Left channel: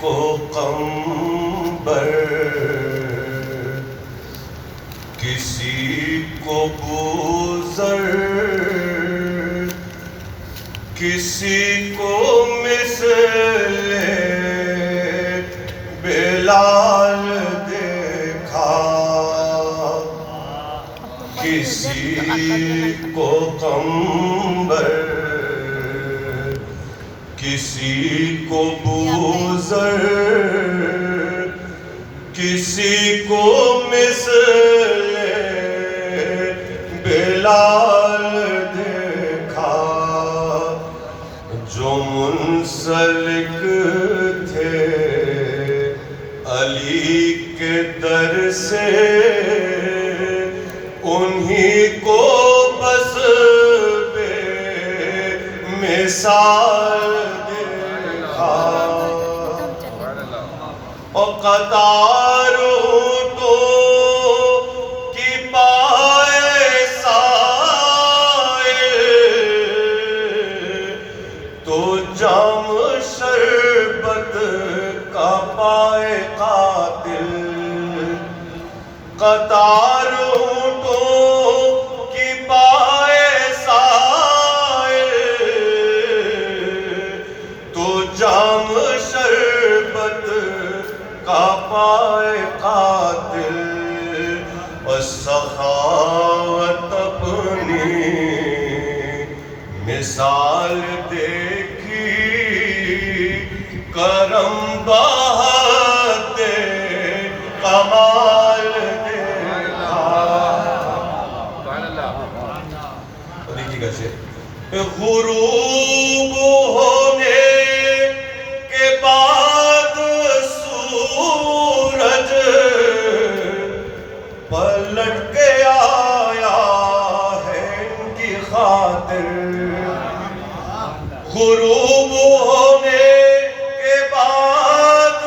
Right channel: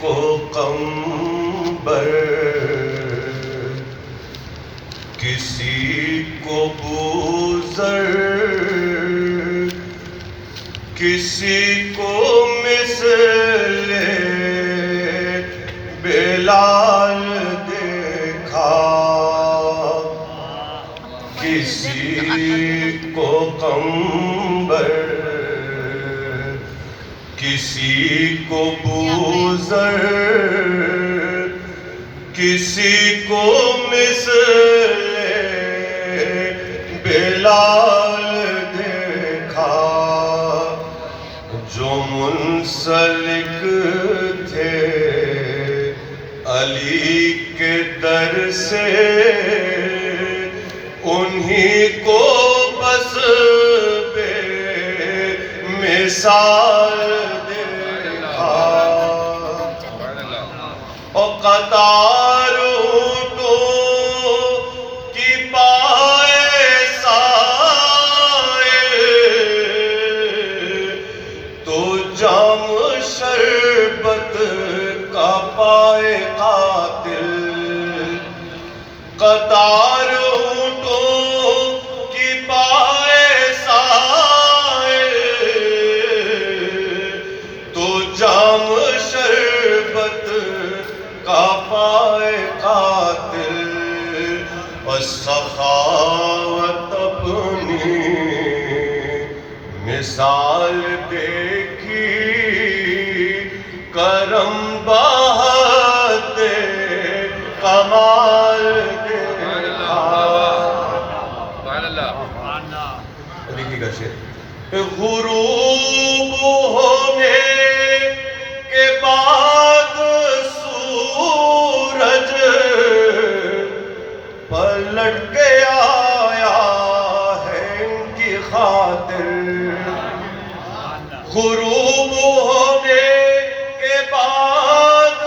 کو قمبر، کسی کو بوزر، کسی کو مثل بلال دیکھا، کسی کو قمبر، کسی کو بوزر، کسی کو مثل بلال دیکھا، جو منسلک تھے علی کے در سے، انہی کو بس بے مثال دیکھا، اور قطار اونٹوں کی پائے سائل، تو جام شربت کا پائے قاتل، قطار جام شربت کا پائے قاتل، اور سخاوت اپنی مثال دیکھی، کرم بہت کمال دیکھا۔ ابھی کی گشے غروب ہونے پلٹ کے آیا ہے ان کی خاطر، غروب ہونے کے بعد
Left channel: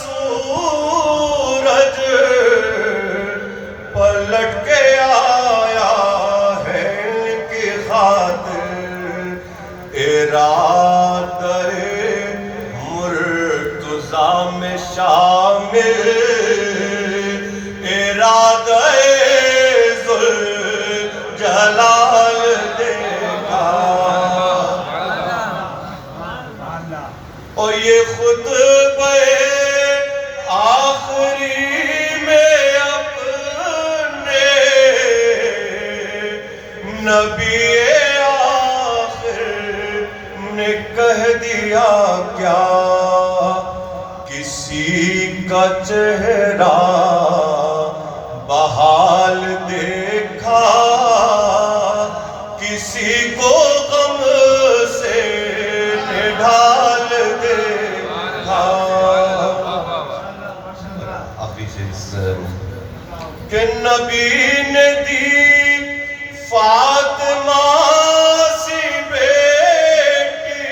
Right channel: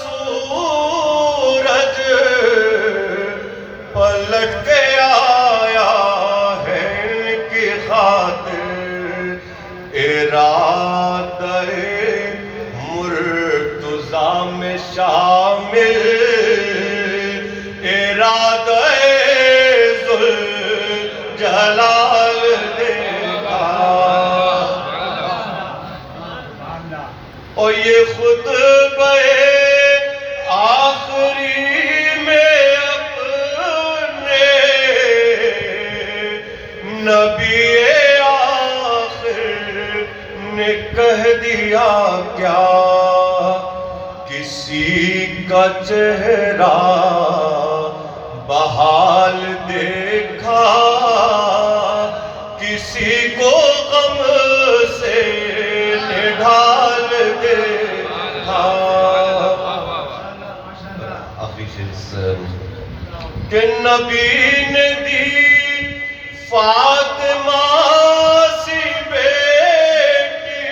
سورج پلٹ کے آیا ہے ان کی خاطر، ارادہ مرتضیٰ میں شامل، ارادہ ذوالجلال دیکھا، اور یہ خطبہ آخری میں اپنے نبی آخر نے کہہ دیا کیا، کسی کا چہرہ بحال دیکھا، کسی کو غم سے نڈھال دیکھا، آخری چیز کہ نبی نے دی فاطمہ سی بیٹی،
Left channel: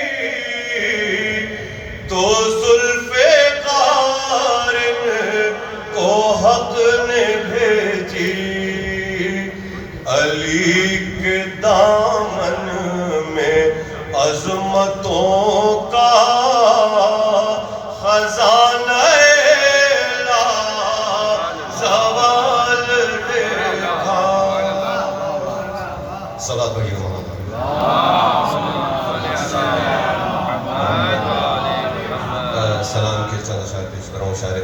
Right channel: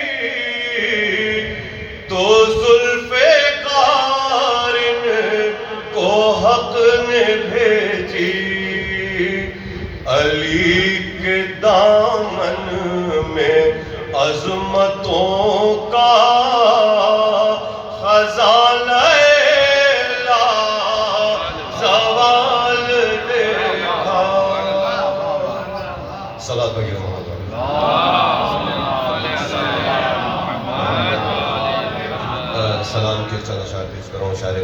تو حق نے بھیجی، علی کے دامن میں عظمتوں کا خزانہ لا زوال دیکھا۔ صلاۃ پڑھیے محمد۔ سلام کے چند اشعار پیش کر رہا ہوں شاعر